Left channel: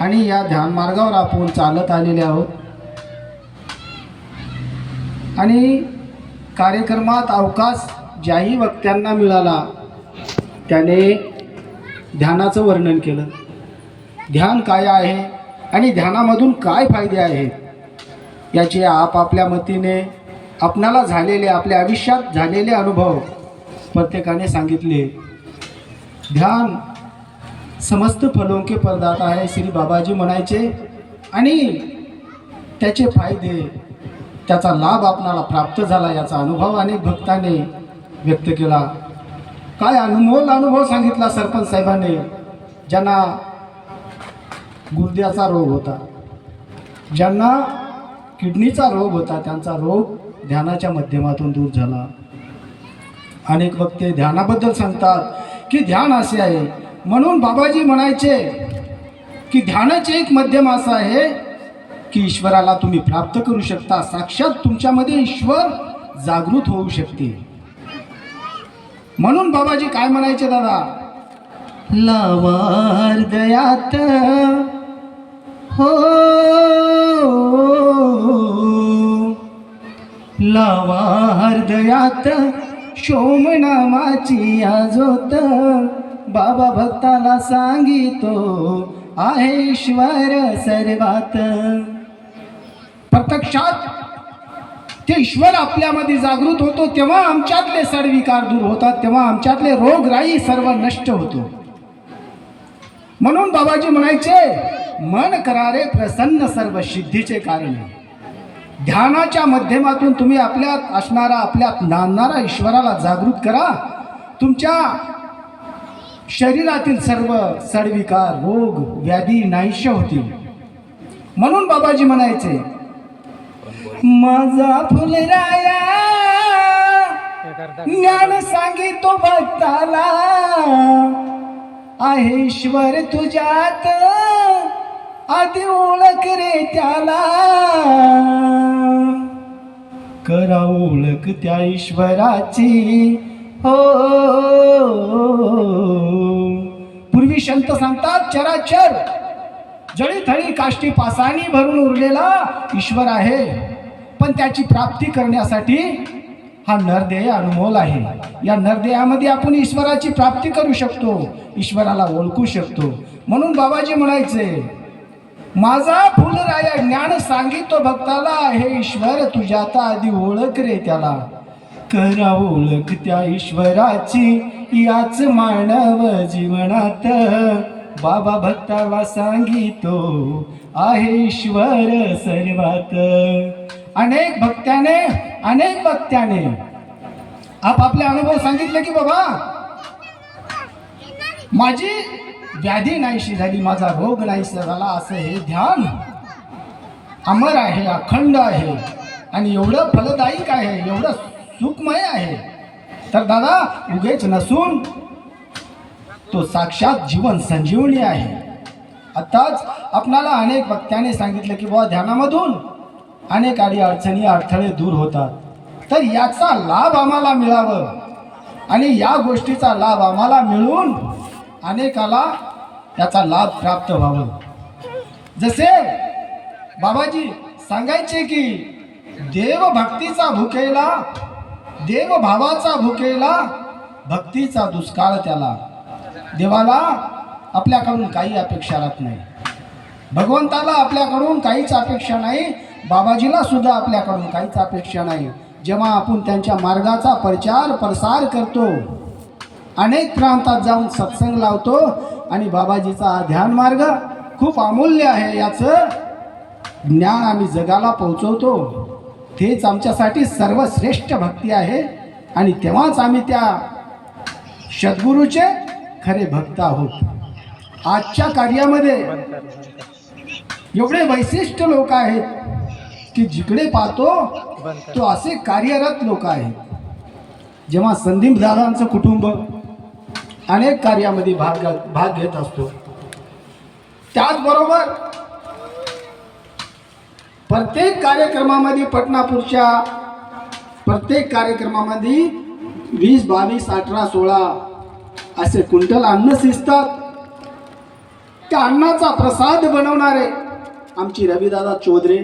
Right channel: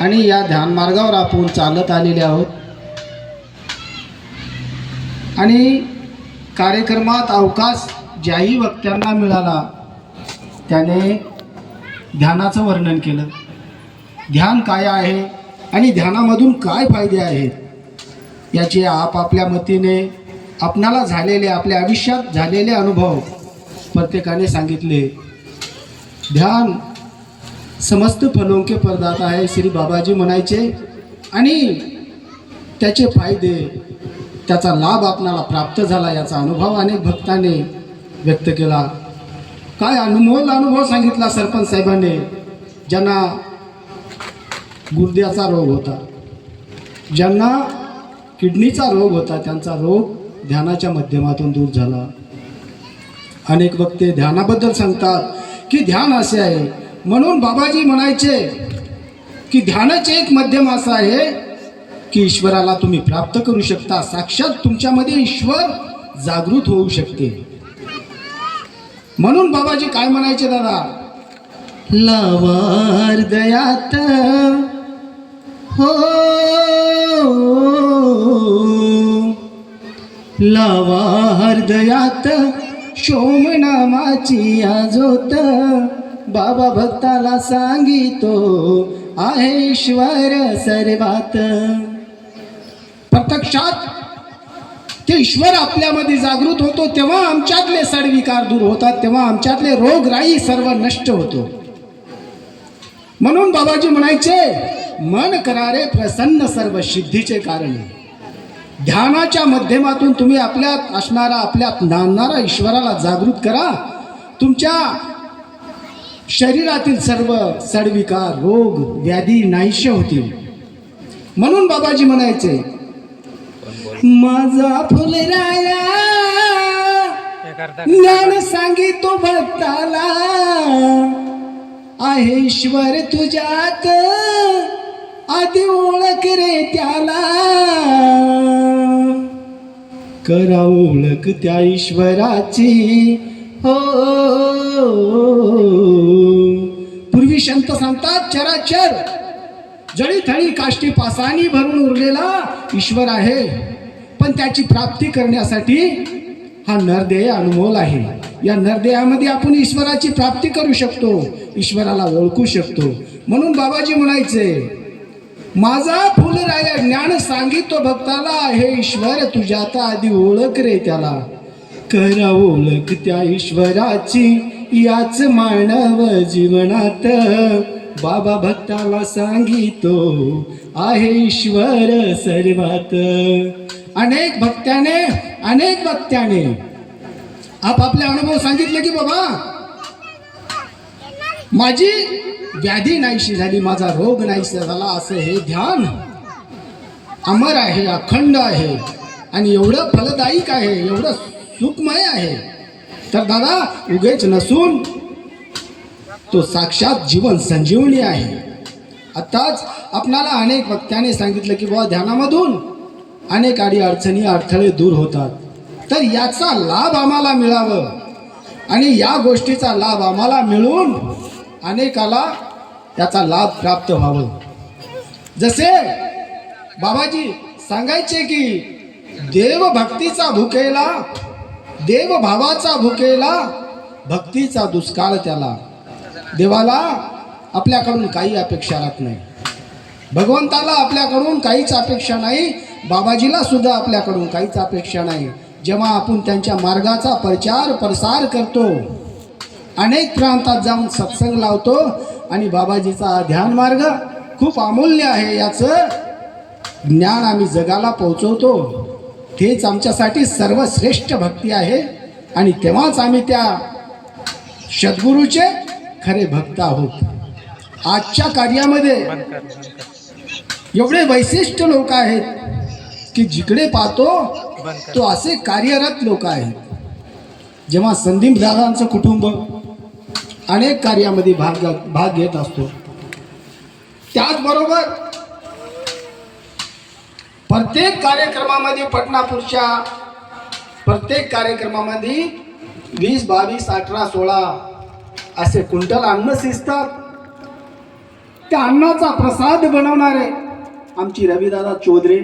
आणि या ध्यान मार्गावर आपण चालत आलेले आहोत आणि कार्यक्रमात अवकाश ज्याही वक्त्यांना मिळाला त्याने ध्यानाचं वर्णन केलं. ध्यान काय आहे आणि ध्यानामधून काय फायदे आहेत याचे आपापल्या मतीने आपणाला झालेले आपल्या आयुष्यात झालेले अनुभव प्रत्येकाने सांगितले. ध्यान समस्त फलों के परदाता आहे श्री बाबाजी म्हणायचे आणि त्याचे फायदे त्याचा लाभ आपणाला प्राप्त झाला याचा अनुभव अनेक भक्तांनी व्यक्त केला. काय अनुभव सांगितला सरपंच साहेबांनी. ज्यांना गुर्द्याचा रोग होता, ज्यांना किडनीचा रोग होता, त्यांचा रोग ध्यानाच्या माध्यमातून दूर झाला. अनेक वक्ते ध्यानाबद्दल सांगतात की ध्यान असे आहे. म्हणून बाबाजी म्हणायचे की ध्यानाचे एक माध्यम असं आहे की ईश्वराला तुम्ही प्राप्त करू शकता. साक्षात तुमच्यामध्ये ईश्वर जागृत होऊ शकते. म्हणून बाबाजी काय म्हणायचे दादा, लावा हृदयात हो लावा हृदयात शोमनामाची आजोत. बाबा भक्ताला सांगितो आहे ईश्वर सर्वात. प्रत्यक्षात ते ईश्वर आपल्यामध्ये जागृत होतो तेव्हा आमच्यातले सडविकार दूर होतात, तेव्हा आमच्यातले रोगराई सर्व नष्ट होतो. म्हणून बाबाजी म्हणायचे मन करारे प्रसन्न सर्व सिद्धीचे कारण. ध्यानाच्या माध्यमातून तुम्ही आपल्यात असणारा आपल्यात नांदणारा ईश्वराला जागृत करा. तुमच्या शरीरातील सर्व सडविकार रोग व्याधी नाहीशे होतील. म्हणून बाबाजी म्हणायचे माझा फुलराया ज्ञान सांगितो भक्ताला आहे ईश्वर तुझ्यात आधी ओळख रे त्याला. करा ओळख त्या ईश्वराची हो. पूर्वी संत सांगतात चराचर जळी थळी काष्टी पासानी भरून उरलेला ईश्वर आहे, पण त्याची प्राप्ती करण्यासाठी हा नरदेह अनमोल आहे. या नरदेहामध्ये आपण ईश्वराची प्राप्ती करू शकतो, ईश्वराला ओळखू शकतो. म्हणून बाबाजी म्हणायचे माझा फुलराया ज्ञान सांगितो भक्ताला आहे ईश्वर तुझ्यात आधी ओळख रे त्याला. करा ओळख त्या ईश्वराची याच मानव जीवनात. बाबा भक्ताला सांगितो आहे ईश्वर सर्वात. अनेक भक्त्याने आपापले अनुभव सांगितले की बाबा माझी व्याधी नाहीशी झाली, माझा रोग नाहीसा झाला. असं हे ध्यान अमर आहे, अखंड आहे आणि एवढं फलदायक आहे, एवढं सुखमय आहे. तर दादा उगेच नसून तो साक्षात जीवन संजीवनी आहे. आताच आपणाला अनेक वक्त्याने सांगितलं की बाबा ध्यानामधून अनेक अडचणी अडथळे दूर होतात. तर याचा लाभ आम्हाला मिळावं आणि या गोष्टीचा लाभ आम्हाला मिळून अनेकाला त्याचा लाभ प्राप्त व्हावं. जसे बाबाजी सांगायचे की देवभक्तीचा भुकेला, देवभावाचा भुकेला, भक्तीचा दुष्काळ त्याला. देवाला आपल्याकडून काही अपेक्षा राहत नाही, भगवंताला आपल्याकडून काहीच अपेक्षा नाही, बाबाजीला सुद्धा आपल्याकडून काहीच अपेक्षा नाही. जेव्हा आपण त्यांच्या मार्गाचा प्रचार प्रसार करतो, अनेक प्रांतात जाऊन सत्संग लावतो आणि बाबाजीचा ध्यान मार्ग खूप अमूल्य आहे याचं ज्ञान आम्ही जगाला पोहोचवतो, तेच आमच्यासाठी सर्वश्रेष्ठ भक्ती आहे. आणि तेव्हाच आम्ही त्या सद्गुरूचे खरे भक्त आहोत. आजच्या कार्यामध्ये एवढे वैशिष्ट्य लोक आहेत की जिकडे पाहतो तो असे कार्यरत लोक आहेत. जेव्हा संदीप दादांचं कुटुंब अनेक कार्यामध्ये भाग घेत असतो, त्याचबरोबर प्रत्येक कार्यक्रमामध्ये पटनापूरच्या प्रत्येक कार्यक्रमामध्ये 20, 22, 18, 16 असे क्विंटल अन्न शिजतात. त्या अन्नाचा प्रसाद बनवणारे आमची रविदादा चौधरी